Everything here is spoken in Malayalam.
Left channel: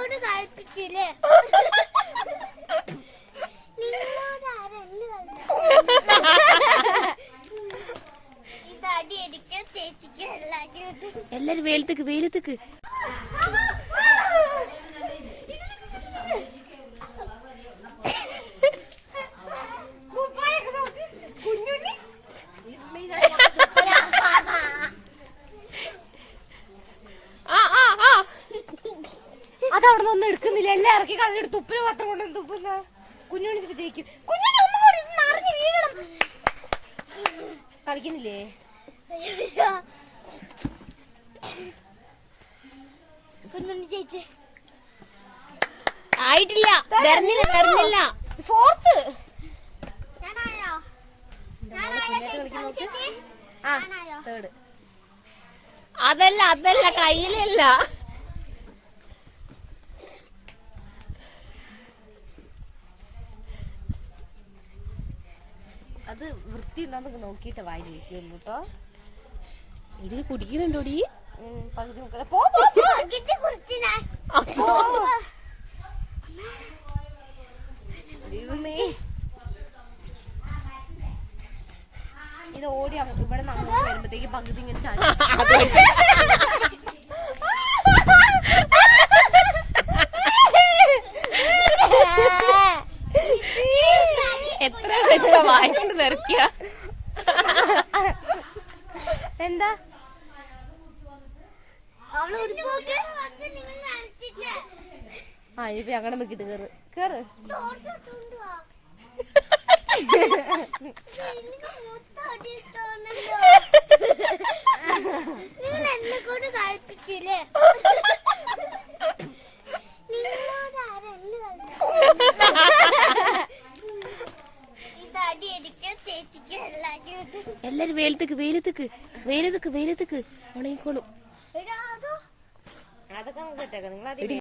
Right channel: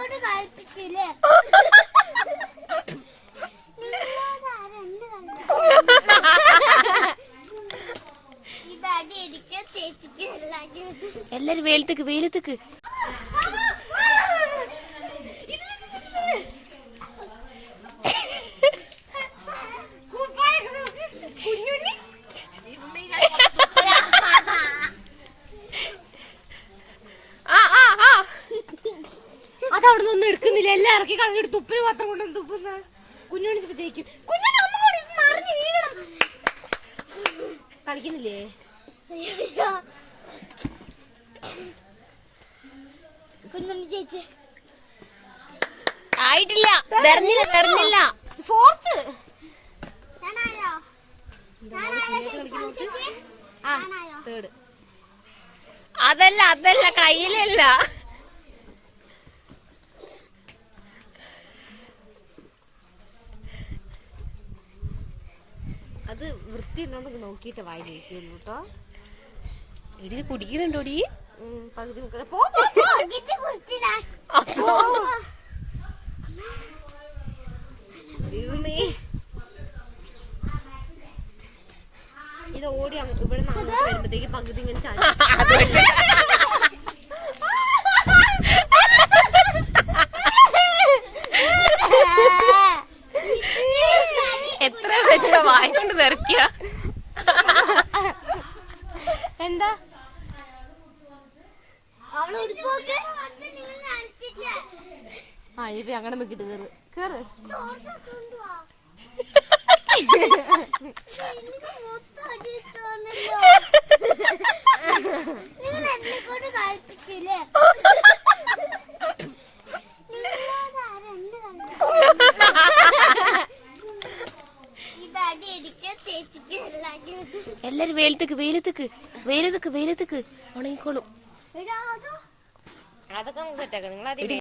കൊണ്ട് കളിപ്പിച്ചില്ലേ? ഇതടി എനിക്ക് ചേച്ചിക്ക് എല്ലാരും വെയിലത്തേക്ക് വെയിലത്തേക്ക്. അതവിടെ ഒന്നും എടുക്കുന്നില്ല, എല്ലാം ഇറക്കി കളഞ്ഞെടുത്ത് തുപ്പിന് പത്രം കൊണ്ടൊന്നും തുപ്പുന്ന കുഞ്ഞുണ്ണി ജയിക്കും. കുഞ്ഞുണ്ണി ഒന്നും കൂടി നിറഞ്ഞു വീഴണം. കളിക്കുന്നില്ലേ? കുഞ്ഞുണ്ണി ചേച്ചി ആയിട്ടില്ല, തെരഞ്ഞില്ല. ഫോർത്ത് അതല്ല കയ്യിലല്ല. അത് വൃത്തി ഉണ്ടോന്നൊക്കെ നോക്കിട്ട് വായി കഴിക്കുന്നു കേട്ടോ. എടി കുടിക്കുന്നുണ്ടോടി? പകുതി ഇത് ഓടി ഇവിടെ വരുമ്പോഴത്തേക്ക് പകുതി ഇങ്ങനെ ചാടി. എത്ര വെച്ചാ വായിക്കൊണ്ട് നിറക്കിയ എന്താ ഇപ്പൊ അങ്ങനെ നോക്കിട്ട് കേറ് കേറ്. എല്ലാരും വെയിലത്തേക്ക് ഉണങ്ങിക്കോളും. അതൊക്കെ നമുക്ക് സെറ്റാക്കാം. നിങ്ങൾ